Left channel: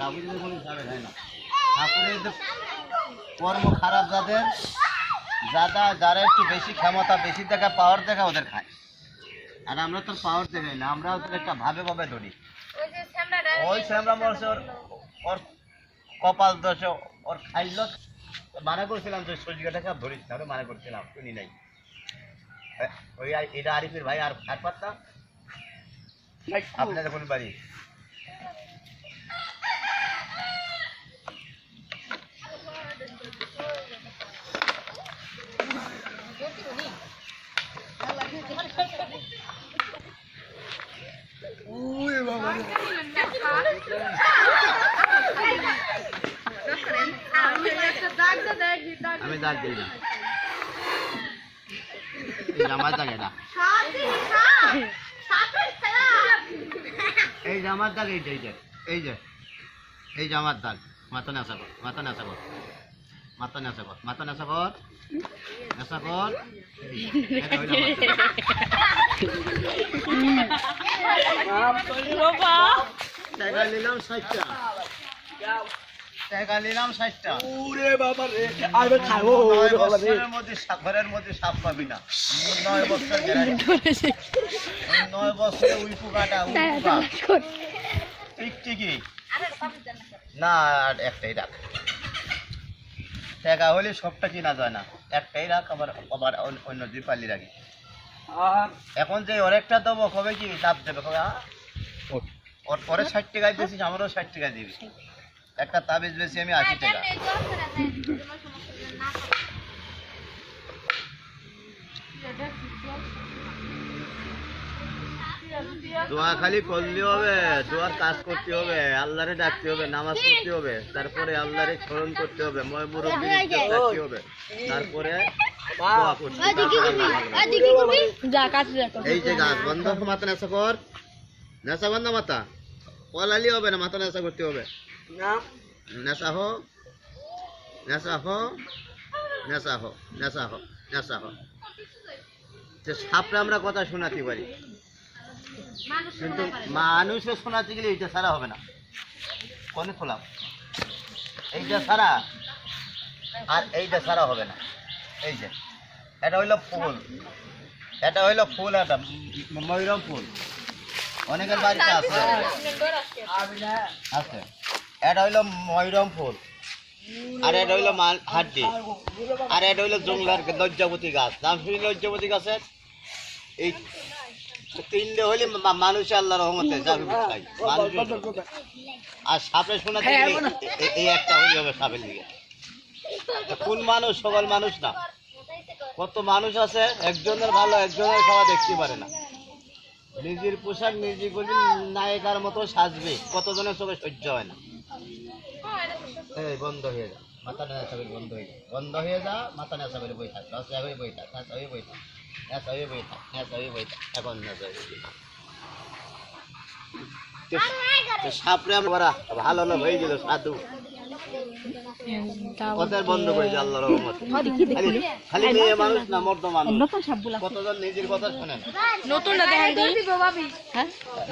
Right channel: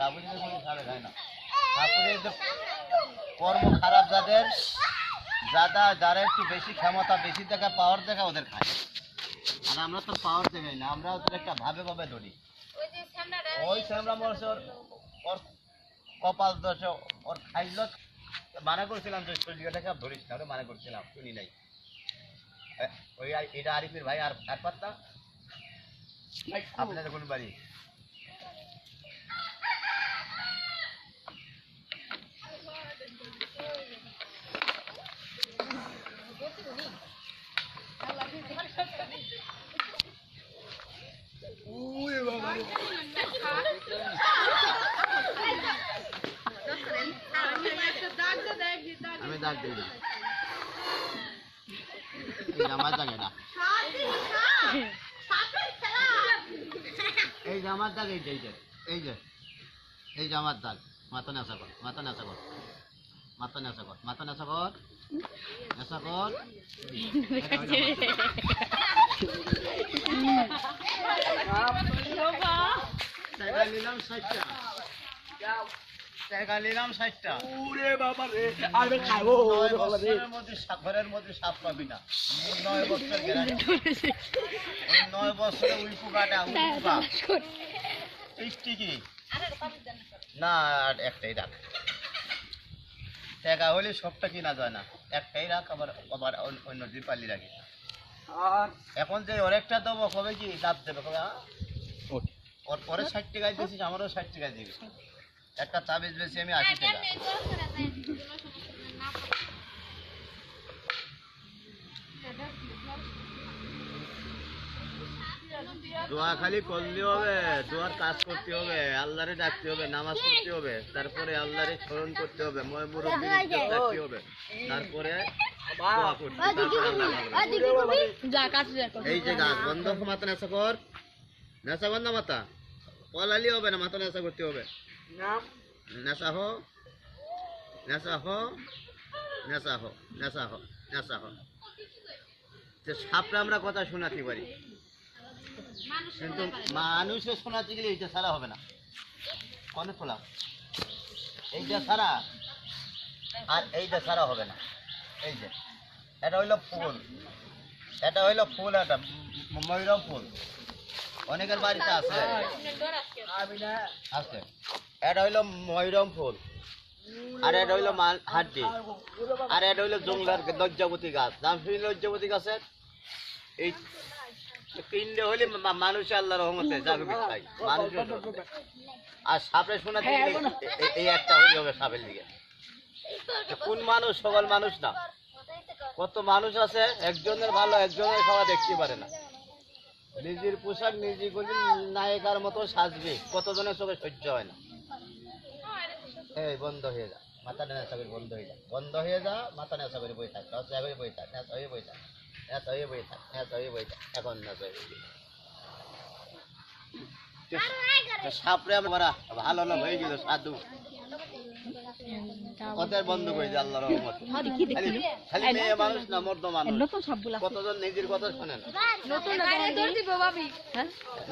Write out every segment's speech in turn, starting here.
গাভীর কোনো হিসাবে খায় না। ঠাকুরের কর্ম খারাপ যাদের, যারা একটু বেশি ক্ষমতা, বেশি দেখা, পাওয়ার দেখা ওদের খায়। আর আমরা তো পাওয়ার দেখাই না, আমরা ওদের একটা ভাবে ভাবে ধরি। ওই শ্যামরা মরছে, ওর কপাল দোষে ওর খাইল। মানা করছিলাম তো সজিকাটাকে ধরিস না, মানা করছিলাম, শুনি নাই। ওই এটা আরিফের ভাই আর পাত্তা আপনাদের কোন বাড়ি? আমি দাগ দিই না, এই জামার দাগ, এটা এই জামার দাগ, এই যে এই যে এই জামার দাগ। মাথা নেশা কর, মাথা নেশা কর, মাথা নেশা কর, মাথা নেশা কর, নেশা কর। টাকা নিলাম 60টা, টাকা নিলাম 60টা। 9 বছরের মধ্যে ঘরের মধ্যে সাপ পাবি না। 9 বছর গ্যারান্টি। 9 বছরে উইপু কাটা, উইপু কাট টিকটিকি না। আর একটাই রাখ, টাকা হলে সবটা কিনা যায় না। একটাই রাখ, আবার আবার অন্য দুই পাল্লি রাখি। এখন যে ওর একটা দেবো, কবে কি লাভ দেবে, কবে ওর পরে 60 টাকায় দিয়েছিস, আমারও 60 টাকায় দিবি। একটা তাবিজ বেশি আমি 80 টাকা। দোয়া খালি করলে হবে, দোয়ার কাজ করতে হবে, আল্লাহরে ডাকতে হবে, নামাজ পড়তে হবে, তারপরে আল্লাহরে স্মরণ করতে হবে, ময় মুরব্বির ইজ্জত রাখতে হবে, তারপরে দোয়া করতে হবে। এই যে গাছ বন্ধ, মাথা নেশা কর, নেশা বন্ধ, মাথা পলালি হবে না, মাথা নেশা করতে হবে। নেশা হো, নেশা হো, নেশা হো, নেশা হো, নেশা হো। সাপরে আমরা কথা শোনাতে পারি, কিন্তু মানুষের শোনাতে গেলে এইটা ছাড়া হবে না। কনে খোলাম, এইটা ছাড়া আর এইটা ছাড়া হবে না। এই যে এটা হইলো ফুল, এটা হইলো ফুল, এটা ময়ূরম ফুল, অনেকের বাড়িতে আছে আছে। এটা হইলো ময়ূরম ফুল, আর এটা হইলো হাড্ডি, আর এটা হইলো জঙ্গলার লজ্জাবতী গাছ। নাম শুনি লজ্জাবতী গাছের? এই তিনটে হইলে মানুষে আল্লাহ রহমতে আর সাপে শোনা এই একটা হইলে হবে সাপের দিকে। কোন মানুষ? সকল মানুষ না, কত মানুষ আছে একজনের ভালো, একজনের খাওয়া দেখতে পারে না। নিজের পোশাক নিজে করবি, নায়িকার মতো সাজবে, কতজনের চোখে সহ্য হয় না। এই বন্ধ হয়ে যা, মাথা নেশা করে বন্ধ হয়ে যা, বন্ধ হয়ে যা, মাথা নেশা করে বই থাক, নেশা হয়ে বই থাক, নেশা হয়ে বই থাক, নেশা হয়ে বই থাক, নেশা হয়ে বই থাক। এখন নেশা হয়ে সাপরে আমরা ভালো লোক হয়ে গেল, সাধু কথার বন্ধ করে যে আল্লাহ রহমত। খালি মেয়ে মানুষ না, মর্দ মানুষ, কতজন নিজের কথা শোনে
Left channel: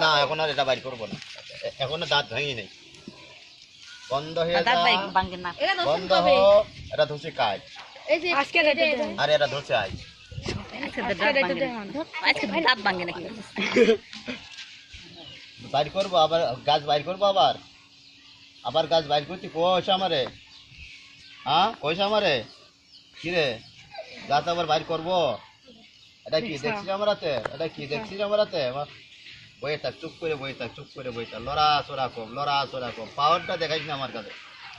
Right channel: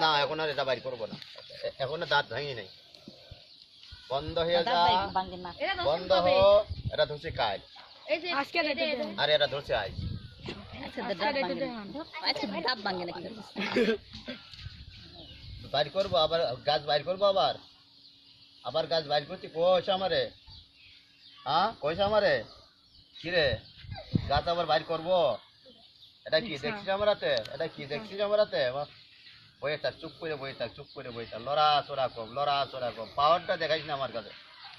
না। এখন আর এটা বাইর করবো না, এখনো দাঁত ভেঙে নেই। বন্ধ হয়ে যা, বন্ধ হ। এটা ধরছে কাজ, আর এটা ধরছে আজ। বাইর করবো আবার, গাছ বাইর করবো আবার, আবার গাছ বাইর করছি। কইস আমারে, হ্যাঁ কইস আমারে, কিরে গাছ আবার বাইর করবো? এটা কি দেখছিস আমারাতে? এটা কি দেখছিস আমারাতে? বইয়ে থাক, চুপ করে বই থাক, চুপ করে বই থাক, লড়াচড়া কম, লড়াচড়া কম। পাওয়ারটা দেখাইস না আমার কাছে,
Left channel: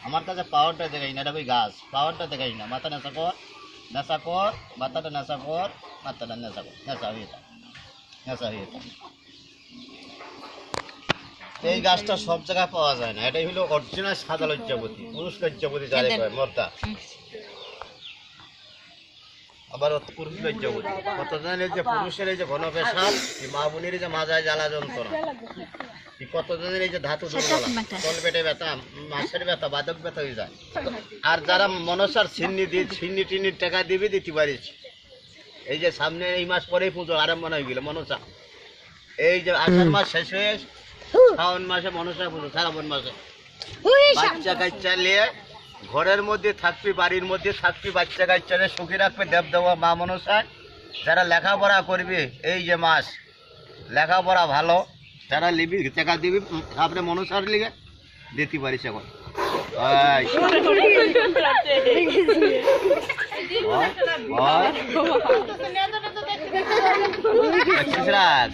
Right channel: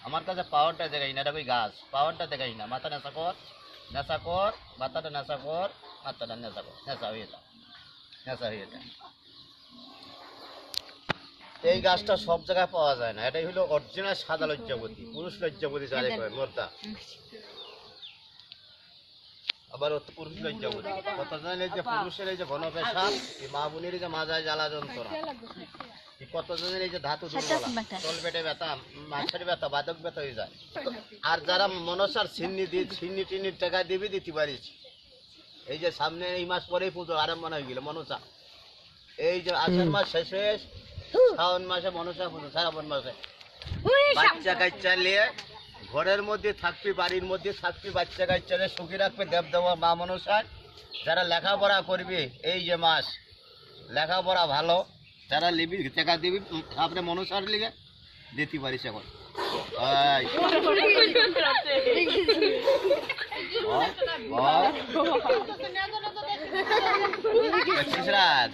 আমার কাছে পাওয়ারটা দেখাইস না। এটা ওই গাছ, পাওয়ারটা দেখাইস না। মাথা নেশা কর, নেশা কর, মাথাটা নেশা কর, মাথাটা নেশা কর, নেশা হয়ে থাক, নেশা হয়ে থাক। এই গাছটা সব জায়গায় পাওয়া যায় না। এটাই হলো অরিজিনাল সাদা লজ্জাবতী, পুরুষ লজ্জাবতী যারে কয়, মর্দা। আবার পুরুষ লজ্জাবতী কত জানেন? যে পুরুষের এই যে ঘনপেশাব, এই মা বোনের যে মাজায় জ্বালা যন্ত্রণা, কত জনের এই যে ধাতু দুর্বলা, তল পেটে ব্যথা, মাছের ব্যথা, বাদক ব্যথা হয়ে যায়। আর যারা মনসার ছিন্নি দিয়ে ছিন্নি টিন্নির টাকা দিবে, দিতে পারিস। এই যে সামনে এই মাস পরেই পুজো আরম্ভ হয়ে গেল মনসা। এই যে আষাঢ় মাস শেষ হয়ে শ্রাবণ মাসে মনসা পুজো, শ্রাবণ মাসে বাচ্চা কাচ্চা নিয়ে ঘরের মধ্যে থাকবি, বাড়ির মধ্যে থাকবি, বাচ্চা কাচ্চা নিয়ে সুখী রাখবে দেব দেওয়া মা মনসা। যারা লেখাপড়া করবি এই যে মাস লেখাপড়া ভালো, যারা লিবি টাকা দিবি আপনি মনসার লিগে দিতে পারিস এখন। রাখ